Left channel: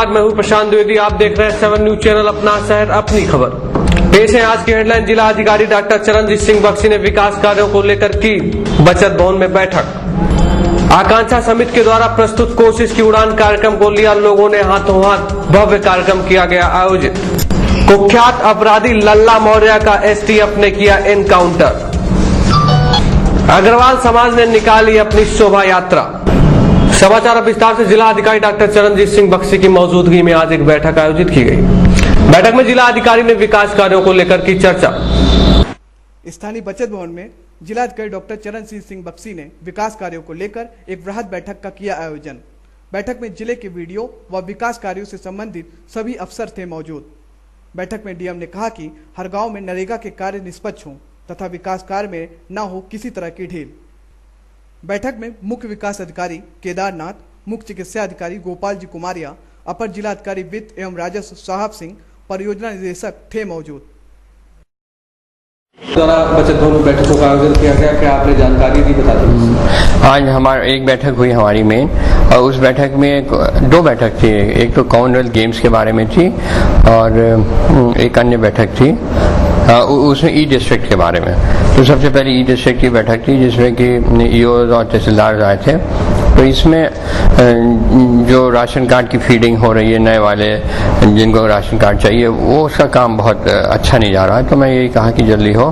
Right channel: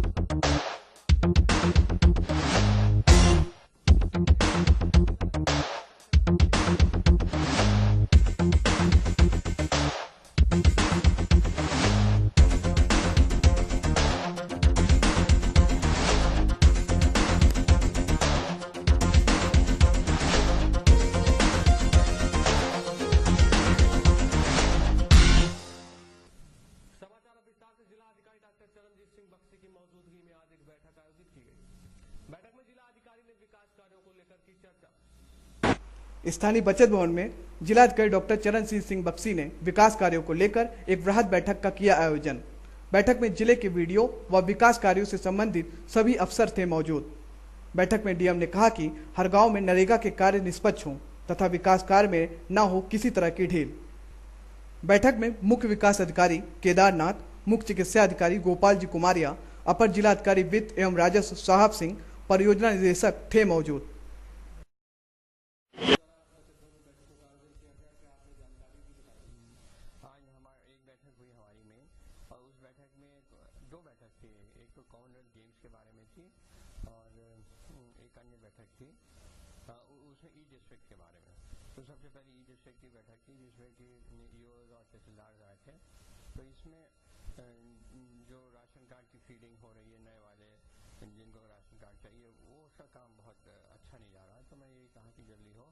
नमस्कार, मैं हूं प्रशांत द्विवेदी। आप देख रहे हैं 7 न्यूज चैनल, अपना शहर अपनी खबर। पेश है आज की हेडलाइन। जिला अधिकारी डॉक्टर चरणजीत सिंह बख्शी ने विकास कार्यों को लेकर की बचत भवन में बैठक। आकांक्षा समिति के द्वारा प्रस्तुत कोशिश की उड़ान कार्यक्रम को लिया लोगों ने हाथों हाथ, भव्य कार्यक्रम किया गया आयोजित। कुख्यात अपराधी लल्ला मौर्य का एसटीएफ ने किया एनकाउंटर। अग्रवाल समाज ने निकाली अपनी शोभा यात्रा। समाचार अब विस्तार से। जिला अधिकारी डॉक्टर चरणजीत सिंह बख्शी की मौजूदगी में आज एक बैठक आयोजित की गई। बैठक में जिला अधिकारी ने विकास कार्यों को लेकर की चर्चा। स्थानीय बचत भवन में जिलाधिकारी डॉक्टर चरणजीत सिंह बख्शी ने विकास कार्यों को लेकर एक वृहद बैठक का किया आयोजन। बैठक में जिले के वीडियो व विकास कार्यों से संबंधित सभी अफसर थे मौजूद। बैठक में डीएम ने कहा कि हर गांव में नरेगा के कार्य निष्पक्ष हों तथा विकास कार्य में न हो किसी तरह की ढील। बैठक में मुख्य विकास अधिकारी केदारनाथ, मुख्य चिकित्सा अधिकारी गोपाल जी कुमारिया, अपर जिलाधिकारी वित्त एवं राजस्व साहब सिंह, परियोजना निदेशक थे मौजूद। द्वारा बचत भवन में बैठकों का आयोजन किया गया, क्या आपने जानकारी दी, बता दें। आज हमारा एक बैठक हुई हमारी में, और उस बैठक में दो बैठक थी। एक तो कॉमनवेल्थ गेम्स के बारे में थी और एक अन्य बैठक थी उसमें ई डिस्ट्रिक्ट के बारे में। तो सबसे पहले ई डिस्ट्रिक्ट की बैठक थी जिसमें कि ईओ और तहसीलदार आए थे। तो इसमें जो राशन कार्ड की फीडिंग हो रही है, नए वाले जिनको राशन कार्ड चाहिए, वो उसका काम बहुत अच्छा नहीं जा रहा है। तो मैं यही कहा कि जल्दी हो,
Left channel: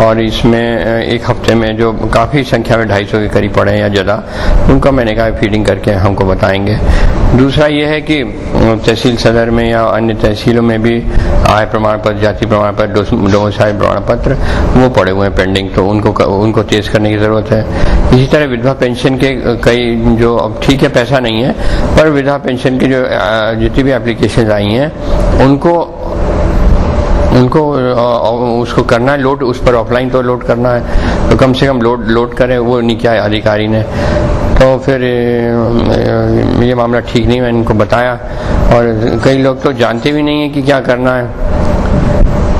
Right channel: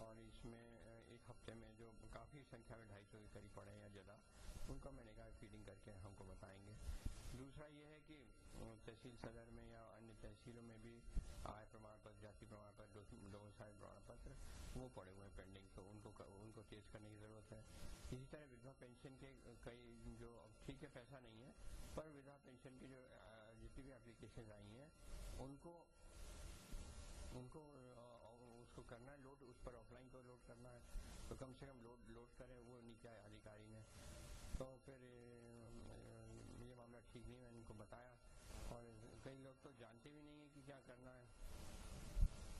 और इसमें एक हफ्ते में जो काफ़ी संख्या में 250 के करीब पड़े हैं या ज़्यादा, उनको मैंने कहा फीडिंग करके हमको बताएंगे। दूसरा ये है कि तहसील सदर में या अन्य तहसीलों में भी आय प्रमाण पत्र, जाति प्रमाण पत्र, डोमिसाइल प्रमाण पत्र वो पड़े हुए हैं पेंडिंग, तो उनको तेज करने की ज़रूरत है। इसी तरह विधवा पेंशन के कई जो, अब ठीक है पैसा नहीं है, पर विधवा पेंशन की जो जितनी भी एप्लीकेशन आई हैं उनको उसको करना है लोड, उस पर ऑफलाइन तो लोड करना है, तो कम से कम लोड करें, वो नहीं किया अधिकारी ने। तो फिर ये मामला ठीक नहीं, मैंने इनको बताया। और कई लोग तो जानते भी नहीं है कि क्या करना है।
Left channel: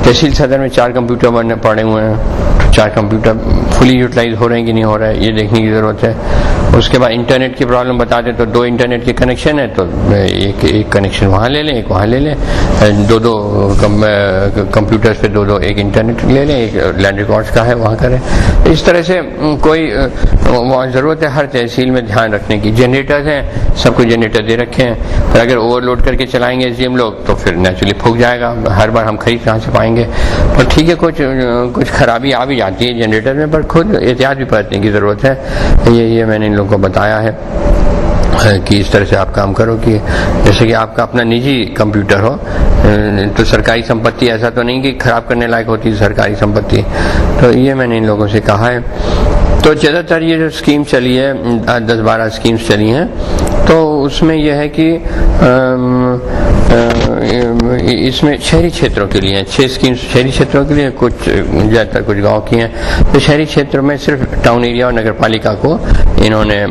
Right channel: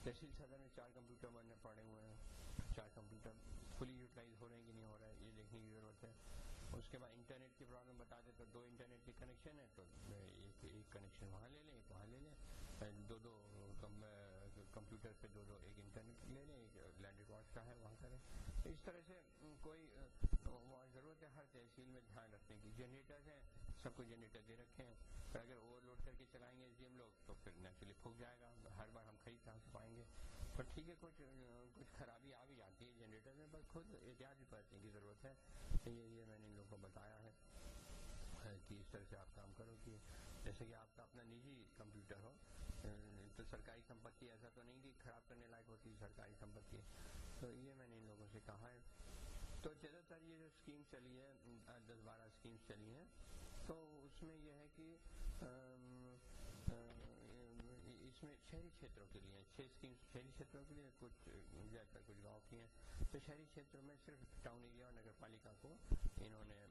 तहसील सदर में 4 कंप्यूटर पड़े हुए हैं, 4 कंप्यूटर फुली यूटिलाइज हो रहे हैं कि नहीं हो रहा है, ये देखने की ज़रूरत है। उसके बाद इंटरनेट की प्रॉब्लम बता दें तो 2 इंटरनेट के कनेक्शन है, तो एक कनेक्शन वहाँ ले लें, एक वहाँ ले लें, 2 कंप्यूटर्स पे 2 एक इंटरनेट ले लें, एक लैंड रिकॉर्ड्स का है वहाँ करें। इस तरह से कोई ज़रूरत है हर तहसील में ध्यान रखने की। जनरेटर्स हैं, सबको जनरेटर दे रखे हैं, पर अगर ओवरलोड करके चलाएंगे एसडीएम लोग तो फिर नेचुरली फूक जाएगा, हर बार हम खरीद कहाँ से पाएंगे। पर ठीक है, कुछ खराबी आ भी जाती है जनरेटर में, पर खुद एहतियात भी बरतने की ज़रूरत है। ये मैंने इन लोगों को बताया है कि इस तरह से आप काम करो कि जैसे कि आपका अपना निजी कंप्यूटर हो, तो सरकारी संपत्ति ऐसा तो नहीं कि खराब करने लायक होती है सरकारी संपत्ति। तो ये मैंने इन लोगों से कहा है। तो ज़्यादातर ये जो स्कीम चली है, 10-12 स्कीम्स चली हैं, तो उसमें यह है कि इसमें शहरी क्षेत्रों के लिए 6 स्कीम्स शहरी क्षेत्रों के लिए, कुछ ज़्यादातर कुछ गांव की हैं। तो शहरी क्षेत्रों में सिर्फ टाउन एरिया और नगर पालिका को इन्होंने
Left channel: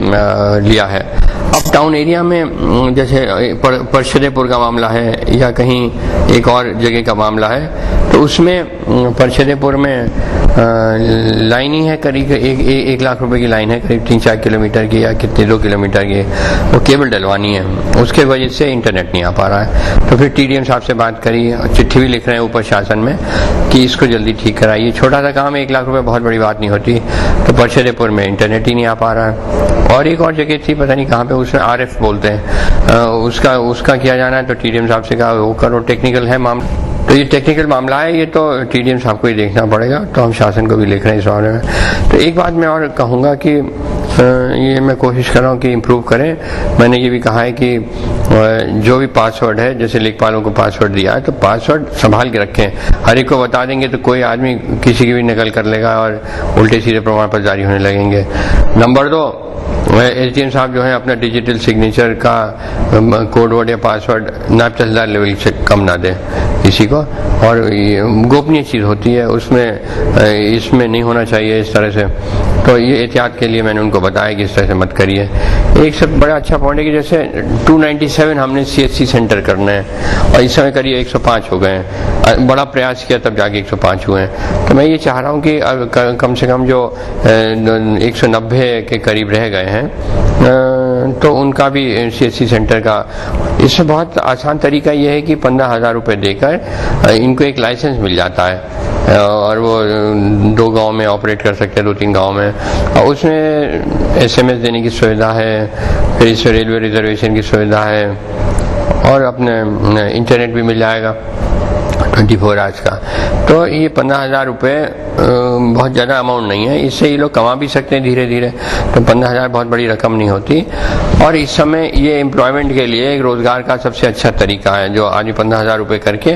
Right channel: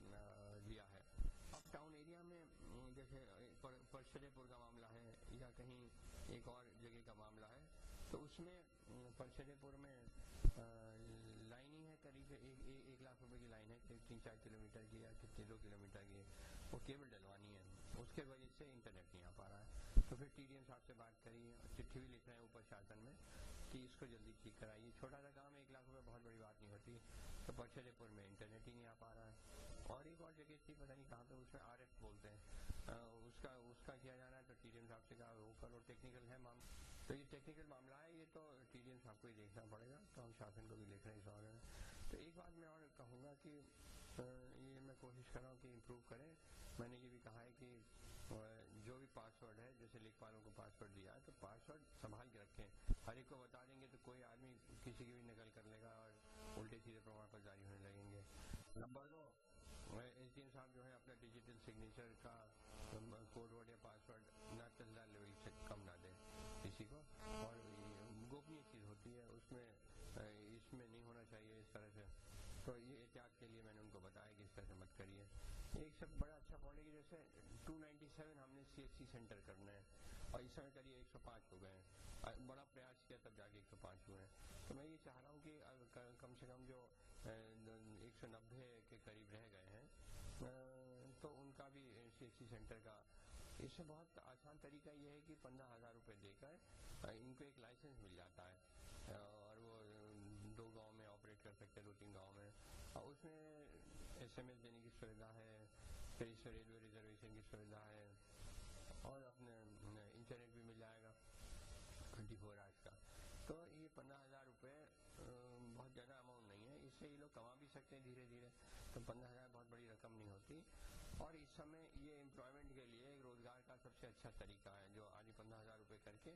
लिया है। अब टाउन एरिया में जैसे परशदेपुर का मामला है या कहीं एक और जगह का मामला है, तो उसमें परशदेपुर में लाइन ही है करीब 1 लाख रुपए की लाइन है, करीब 3-4 किलोमीटर की या कितने 2 किलोमीटर की, वो केबल डलवानी है, उसके वजह से इंटरनेट नहीं आ पा रहा है। तो फिर टीडीएम साहब से बात करी, चिट्ठी भी लिख रहे हैं ऊपर शासन में कि इसको जल्दी ठीक कराइए। छोटा सा काम है, 1 लाख रुपए बहुत बड़ी बात नहीं होती। तो परशदेपुर में इंटरनेट ही नहीं आ पा रहा है। और एक और जगह थी, पता नहीं कहाँ पे, उसमें आरएफ बोलते हैं, उसका किया जाना है। तो टीडीएम साहब से कहा वो करो, टेक्निकल है मामला। तो ये टेक्निकल मामला है, ये तो टीडीएम साहब को ही देखना पड़ेगा। तो हम शासन को भी लिख रहे हैं इस बारे में। तो एक बात मैं और कहूँगा कि ये मैं कोशिश कर रहा हूँ कि इम्प्रूव करें। मैंने ये भी कहा है कि जो भी पासवर्ड है, जैसे लेखपालों को पासवर्ड दिया है, तो पासवर्ड संभाल के रखें। हर एक को बता देंगे तो कोई आदमी किसी की भी नकल कर लेगा और उल्टे सीधे प्रमाण पत्र जारी होने लगेंगे। नंबर 2, एसडीएम साहब जो है अपना डिजिटल सिग्नेचर का कोड वर्ड या पासवर्ड नायब तहसीलदार लेवल से कम ना दें किसी को, और गोपनीय चीज़ होती है, उसमें इसमें नहीं होना चाहिए इस तरह से। तो ये एहतियात के लिए मैंने उनको बताया कि इस तरह से मत करिए। एक सब बड़ा अच्छा पॉइंट है कि जैसे 297 हमने सीएससी सेंटर करने हैं और इस समय करिए 105 हो गए हैं। बड़ा प्रयास किया तब जाके 105 हुए हैं। तो मैं ये चाह रहा हूँ कि कम से कम जो 190 के करीब रह गए हैं तो उनका भी CHC सेंटर का इसमें बहुत आसान तरीका ये है कि 15,000 रुपये देकर इनको एक लाइसेंस मिल जाता है और वो 2 गांव में ऑपरेट कर सकते हैं, 2-3 गांव में। और उसमें SMS देने की सुविधा है, फिर इसमें रेलवे रिजर्वेशन की सुविधा है और अपने इंटरनेट भी मिल जाएगा 24 आवर्स का। तो ये 15,000 रुपये बहुत ज़्यादा अमाउंट नहीं है, इससे ये लोग कमा भी सकते हैं धीरे धीरे। तो 15,000 बहुत बड़ी रकम नहीं होती और इस समय ये एम्प्लॉयमेंट के लिए एक रोज़गार का सबसे अच्छा तरीका है। जो आदमी 15,000 रुपये करके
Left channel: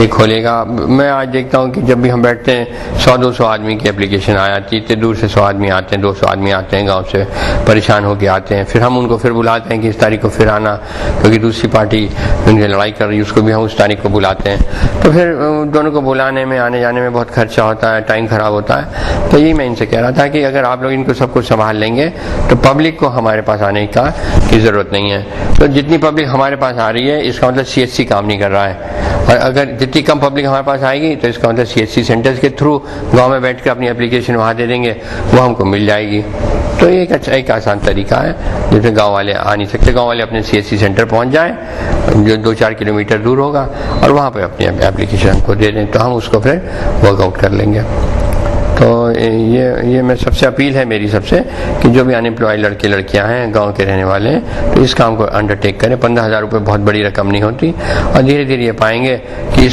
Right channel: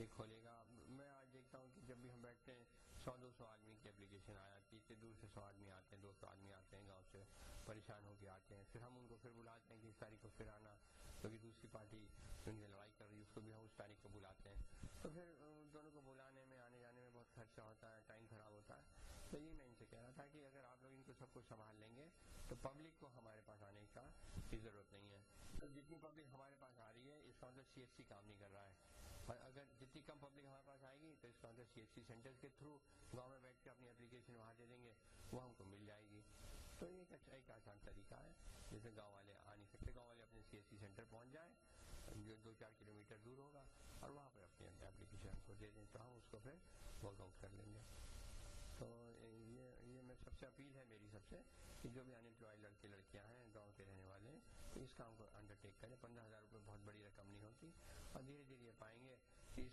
ये खोलेगा, मैं आज देखता हूँ कि जब भी हम बैठते हैं 100-200 आदमी की एप्लीकेशन आ जाती है, इतने दूर से 100 आदमी आते हैं, 200 आदमी आते हैं गाँव से, परेशान होकर आते हैं। फिर हम उनको फिर बुलाते हैं कि इस तारीख को फिर आना, क्योंकि दूसरी पार्टी उनकी लड़ाई कर रही है, उसको भी हम उस तारीख को बुलाते हैं। तो फिर दोनों को बुलाने में, आने जाने में बहुत खर्चा होता है, टाइम खराब होता है। तो यही मैं इनसे कह रहा था कि अगर आप लोग इनको सब कुछ संभाल लेंगे तो पब्लिक को हमारे पास आने की ज़रूरत नहीं है। तो जितनी पब्लिक हमारे पास आ रही है इसका मतलब CHC काम नहीं कर रहा है, और अगर जितनी कम पब्लिक हमारे पास आएगी तो इसका मतलब CHC सेंटर्स के थ्रू गाँव में बैठ कर अपनी एप्लीकेशन वहाँ दे देंगे, वो हमको मिल जाएगी। तो ये एक आसान तरीका है जिसमें गाँव वाले आ नहीं सकते, गाँव वाले अपने CHC सेंटर पहुँच जाएँ जो 2-4 किलोमीटर दूर होगा और वहाँ पर अपनी एप्लीकेशन हमको दे दें, तो हम उसको फिर वर्कआउट कर लेंगे। तो ये मैं सबसे अपील है मेरी सबसे कि जो भी अनएम्प्लॉयड लड़के लड़कियां हैं गांव के रहने वाले हैं तो इस काम को अंडरटेक करें। 15,000 रुपये बहुत बड़ी रकम नहीं होती और धीरे धीरे ये पाएंगे कि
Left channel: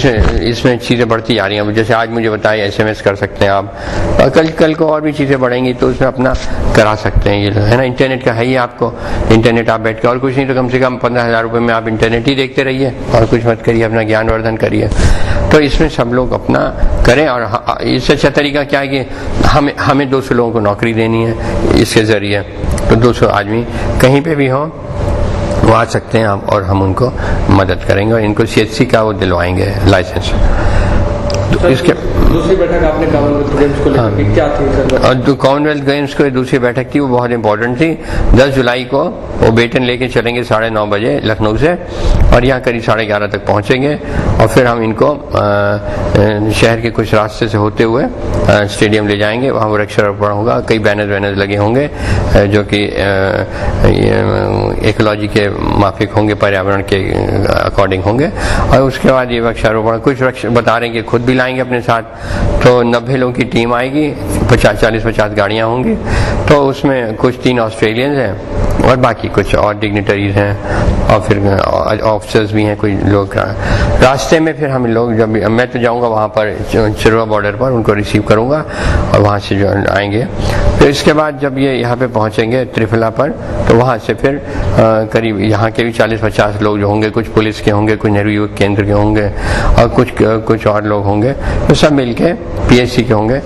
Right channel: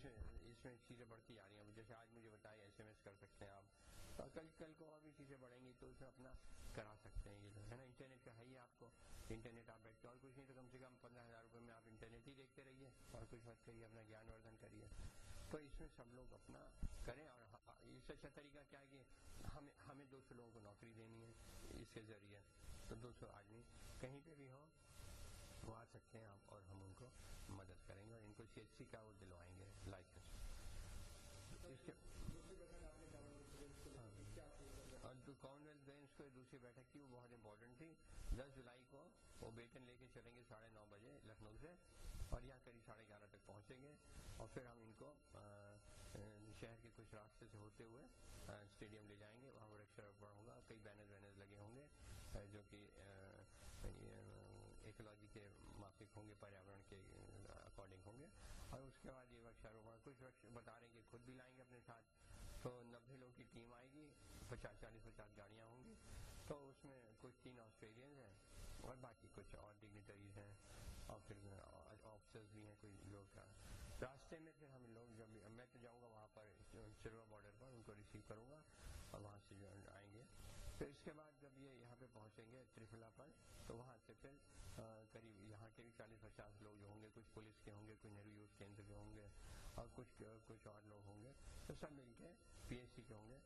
इसमें चीज़ें बढ़ती जा रही हैं। जैसे आज मुझे बताया SMS कर सकते हैं आप, और कल को और भी चीज़ें बढ़ेंगी तो उसमें अपना करा सकते हैं, ये है ना। इंटरनेट का है ही आपको, इंटरनेट आप बैठ के और कुछ नहीं तो कम से कम 15,000 रुपये में आप इंटरनेट ही देखते रहिए और कुछ मत करिए, अपना ज्ञानवर्धन करिए। तो इसमें सब लोग अपना करें और इससे अच्छा तरीका क्या है कि हमें 200 लोगों को नौकरी देनी है इसके ज़रिए, तो 200 आदमी कहीं पे भी हों वो आ सकते हैं और हम उनको मदद करेंगे और इनको CHC का वो दिलवाएंगे लाइसेंस। तो इसके दूसरी बैठक आपने कॉमनवेल्थ गेम्स को लेकर क्या थी सर? और कॉमनवेल्थ गेम्स को दूसरी बैठक थी वो बहुत इंपॉर्टेंट थी। 10 जुलाई को वो बेटन लेके चलेंगे 9:30 बजे लखनऊ से और यहाँ करीब 11:30 तक पहुँचेंगे और फिर हम इनको शहर के कुछ रास्ते से होते हुए स्टेडियम ले जाएंगे। वहाँ वृक्षारोपण होगा, कई बैनर लगे होंगे जो कि इकोलॉजी के माफिक होंगे, पर्यावरण के अकॉर्डिंग होंगे। और उसके बाद ये वृक्षारोपण कुछ वृक्ष बता रहे हैं कि खुद भी लाएंगे अपने साथ, तो 90 लोगों की टीम आएगी, 40-50 गाड़ियाँ होंगी। तो उसमें कुछ 3 ऑस्ट्रेलियंस हैं और बाकी कुछ और डिग्निटरीज हैं और फिर ऑफिसर्स भी हैं, कोई लोग। रास्ते में फिर हम लोग जब मैं तो जाऊंगा वहाँ पर चिरवा बॉर्डर पर, उनको रिसीव करूंगा और वहाँ से जो आएंगे। फिर इसके बाद जब ये यहाँ पे पहुँचेंगे त्रिफला पर तो वहाँ से फिर करीब यहाँ के भी 40-50 लोग जो होंगे, कुछ पुलिस के होंगे, कुछ नेहरू युवक केंद्र के होंगे और कुछ और लोग होंगे, तो सब मिलके PSC के होंगे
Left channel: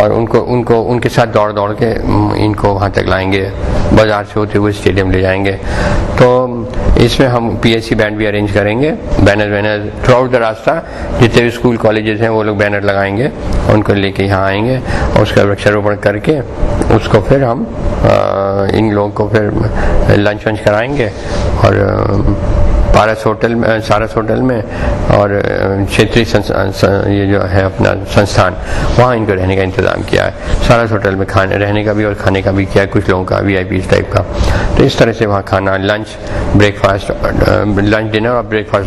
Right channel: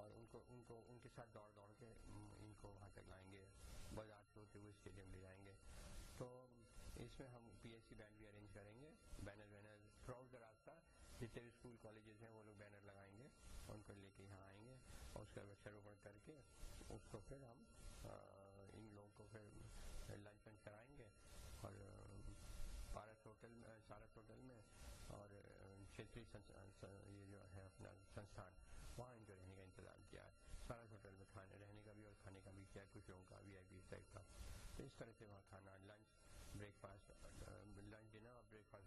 और उनके साथ दौड़ के इनको वहाँ तक लाएंगे, बाजार से होते हुए स्टेडियम ले जाएंगे। तो इसमें हम PSC बैंड भी अरेंज करेंगे, बैनर थ्रू आउट द रास्ता जितने भी स्कूल कॉलेजेस हैं वो लोग बैनर लगाएंगे, उनको लेके यहाँ आएंगे और उसका वृक्षारोपण करके उसको फिर हम इन लोगों को फिर लंच वंच कराएंगे और सारस होटल में और क्षेत्रीय ये जो है अपना संस्थान वहाँ इनको रहने का इंतज़ाम किया है। सारस होटल में रहने का भी और खाने का भी किया है, कुछ लोगों का VIP टाइप का। तो इस तरह से वहाँ खाना, लंच, ब्रेकफास्ट, लंच डिनर और ब्रेकफास्ट